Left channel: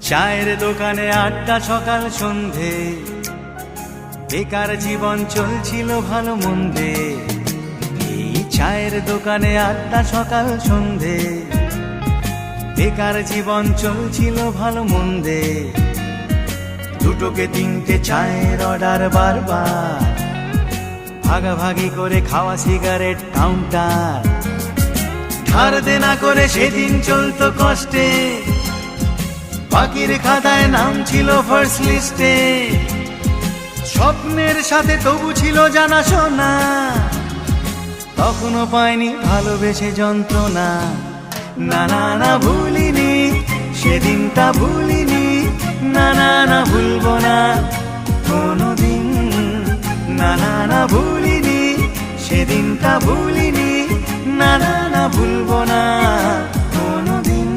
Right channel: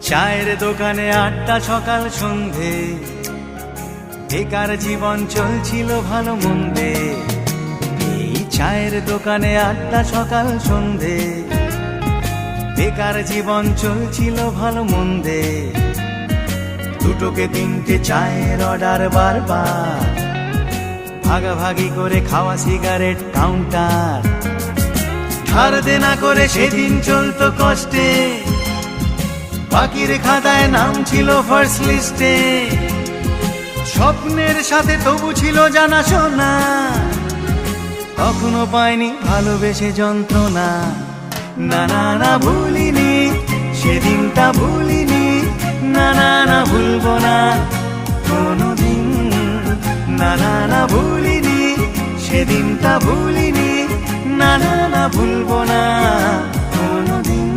চায়ের দোকানে আড্ডা সকাল সন্ধে, বেকার জীবন চলছিল ভালো মন্দে। এই চায়ের দোকানে আড্ডা সকাল সন্ধে, বেকার জীবন চলছিল ভালো মন্দে। দুটোকে তিনটে চায়ের অর্ডার বারবার, ভাগাভাগি করে খাওয়া সিগারেট কাউন্টার। ধার দেনা করে সেদিন চলতো কষ্টে, বাকির খাতায় নাম ছিল ফার্স্ট লিস্টে। স্বপ্নের সাথে তবু ছিল জানাশোনা, তখনও পাইনি ভালোবেসে যন্ত্রণা। না না না ভুলিনি সেদিনটা, ভুলিনি না না না ভুলবো না কোনোদিন। না না না ভুলিনি সেদিনটা, ভুলিনি না না না ভুলবো না কোনোদিন।